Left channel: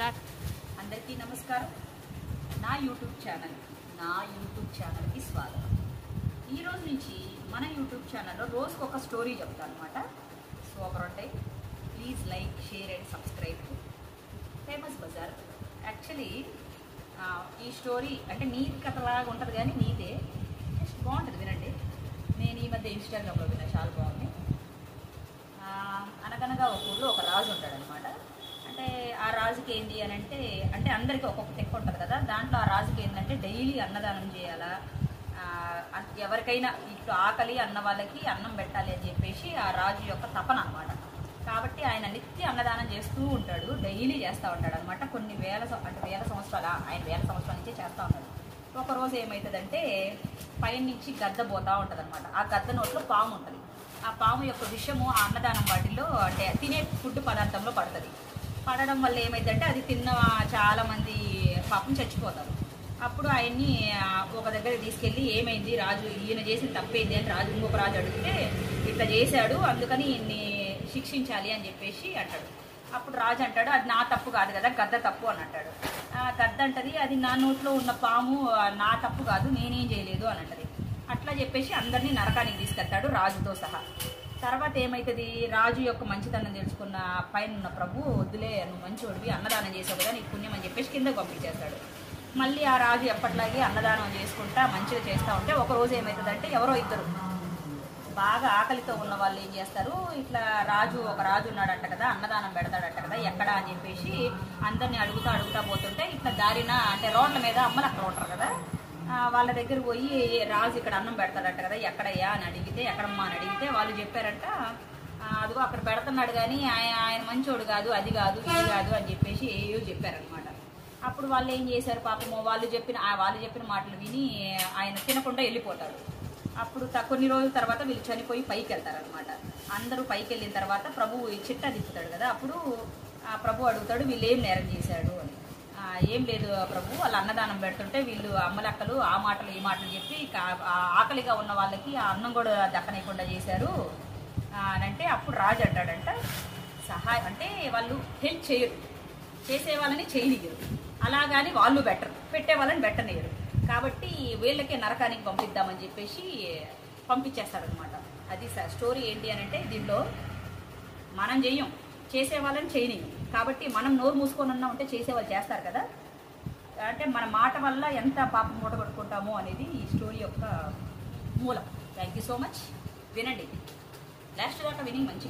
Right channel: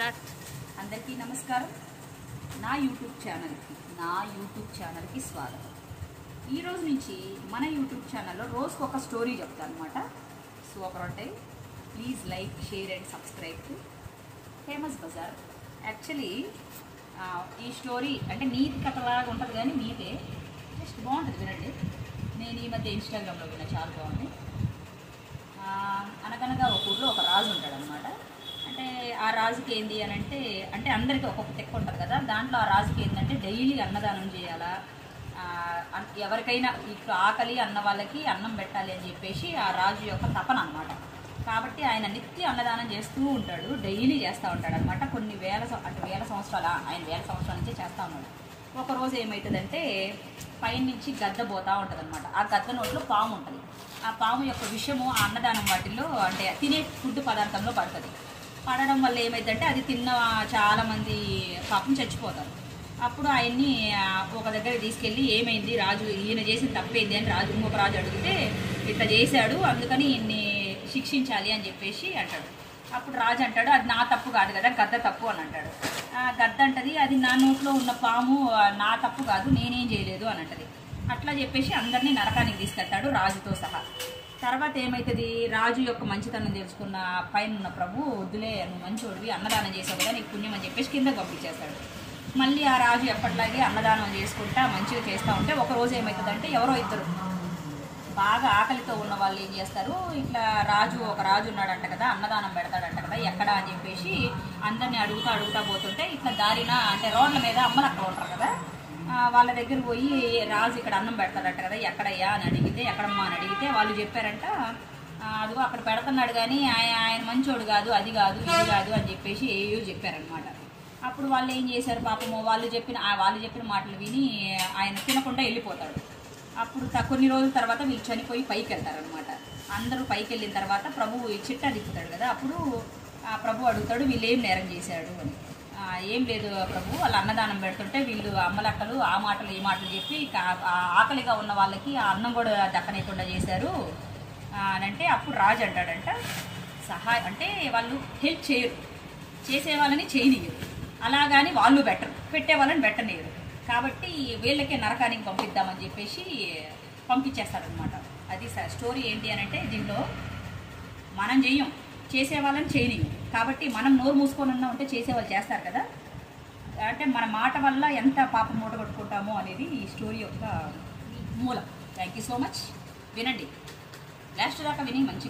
Start. అందరికీ నమస్కారం. నా యూట్యూబ్ ఛానల్కి స్వాగతం. ఈ రోజు నుంచి మన యూట్యూబ్ ఛానల్లో రోజుకు ఒక స్టోరీ చెప్తాను అనమాట. సూపర్ ఉంటాయి. Please like, share and subscribe to famous Bazaar. Actually ఈ స్టోరీ అంటే నీతి కథలాగా ఉంటుంది, కానీ నీతే జస్ట్ బాగుంటుంది, వినండి. నేను ఈ మధ్య ఇన్స్టాగ్రామ్లో విన్నా, చాలా బాగుంది. అనగనగా ఒక ఊళ్ళో ఒక రాజు ఉంటాడనమాట. అంటే ఆ రాజుకి ఏంది అని అంటే అందరికీ ఒక్కొక్క తెక్క ఉంటుంది కదా. దాంట్లో ఆ రాజుకి ఏంటంటే డైలీ అన్నదానం చేయాలా, ఎవరికైనా ఇప్పుడు ఆకలి అన్న వాళ్ళకి అన్నం పెట్టాలి అని చెప్పేసి ఆ రాజు యొక్క తపన అనమాట. కాబట్టి ఆయన నిత్య అన్నదానం చేస్తూ ఉంటాడు, డైలీ చేస్తూ ఉంటాడు అనమాట. కొన్ని వేల సంవత్సరాలు ఆయన వేల సంవత్సరాల నుంచి చేస్తూ ఉన్నాడు. ఒకరోజు ఏమవుతుందంటే పైన నుంచి గద్ద పోతూ ఉంటుంది అనమాట. ఆ గద్ద నోట్లో పాము ఉంటుంది. ఆ పాము యొక్క విషము ఆ అన్నదానం వాటిల్లో అంటే తినే ఫుడ్ పదార్థంలో పడుతుంది. పడడం వల్ల ఏమైందంటే అది తిన్న చాలామంది పాపం చచ్చిపోతారు. అప్పుడు ఆయన్ని ఒక దగ్గర తీసుకెళ్ళి ఏమైంది రాజు, ఈయన చేసిన తప్పేంది అని రాజు ఇంకొక రాజు అడిగితే ఇట్లా చేశాడు, అందుకని ఈయన్ని శిక్షించాలి అని చెప్పేసి అంటాడు. అప్పుడు రాజు అంటాడు, అది నా తప్పు కాదు కదా, గద్ద తప్పు అని అంటాడు. గద్ద అంటది, అది నా నోట్లో ఉన్న పాము నా తప్పు కాదు, నేనేం చేయలేదు అని అంటది. అట్లా చెప్పేసి అందరినీ నరకానికి తీసుకెళ్తాడు రాజుతో సహా. తర్వాత ఏమవుతుంది, రాజు యొక్క మంచితనం తెలుసుకున్న పైన ఉన్న ప్రభు, వద్దులే నువ్వు మంచోడివి, అన్నదానం చేసావు కదా నీకు పుణ్యం అని చెప్పేసి కింద పంపించేస్తాడు. మళ్ళీ ఆ రాజు ఎప్పటిలాగే అన్నదానం చేసుకుంటా మంచిగా చేస్తూ ఉంటే ఒకరోజు ఏమవుతుందంటే ఎవరో ఇద్దరు బాగా ఆకలితో ఉన్న వాళ్ళు ఏం చేస్తారు, ఇట్లా ఒక రాజు ఉన్నాడంట కదా, అన్నదానం పెడతాడంట కదా, ఎక్కడ అని చెప్పేసి అందరినీ అడుగుతా పోతుంటే ఇట్లా దారిన అంటే రోడ్ల మీద అమ్మలు అక్కడ ఉంటారు కదా, వాళ్ళ దగ్గర పోయి రాజు ఇక్కడ అన్నం పెడతాడంట కదా, ఎక్కడయ్యా అని అడిగితే, ఎక్కడమ్మా అని అడిగితే వాళ్ళు చెప్పారంట, అదిగో అక్కడ పెడుతున్నాడు కానీ ఆయన మంచోడు కాదు, అది కాదు ఇది కాదు అని చెప్పేసి ఏయో చెప్పారనమాట. అప్పుడు వాళ్ళు ఏం చేశారు పాపము, వాళ్ళు చెప్పిన మాటలు విని ఆయన తినకుండా వెళ్ళిపోతాడు. అప్పుడు కొన్ని రోజుల తర్వాత వీళ్ళు చనిపోయి పైకి వెళ్తారనమాట. అందరూ పైకి వెళ్ళిన తర్వాత ప్రభువు చిట్టా తిప్పుతాడు కదా, అప్పుడు ప్రభు అడుగుతాడు వీళ్ళు ఏం నేరం చేశాడు అని. ఏం లేదు ప్రభు, వాళ్ళు అన్నదానం పెడుతుంటే వీళ్ళు అమ్మలక్కలు ఆ మాటలు ఈ మాటలు చెప్పి ఆకలిగా ఉన్న వాళ్ళకి ఆ అన్నం కూడా దక్కనేకుండా చేశారు అని అంటే, అప్పుడు రాజు అంటాడంట, సహాయం అంటే వాళ్ళు హెల్ప్ చేయరు, చేసే వాళ్ళని చేయనియరు, అలాగని వాళ్ళు పెట్టే వాళ్ళని పెట్టనియరు, కాబట్టి వీళ్ళకే నరకానికి పంపిద్దామని చెప్పేసి పంపించేస్తారనమాట. అది స్టోరీ ఏంటి అని అంటే, దీంట్లో మనం చెయ్యం, చేసే వాళ్ళని చేయనియం, కాబట్టి మనం నోరు మూసుకొని ఉన్నాం అంటే చేసేవాళ్ళు చేస్తారు కదా. అంటే మన మాట వల్ల ఎంత పాపం మూట కొట్టుకుంటామో అనేది ఈ స్టోరీ యొక్క మూలం. Thank you so much. వినండి, లాస్ట్ దాకా విని మంచిగా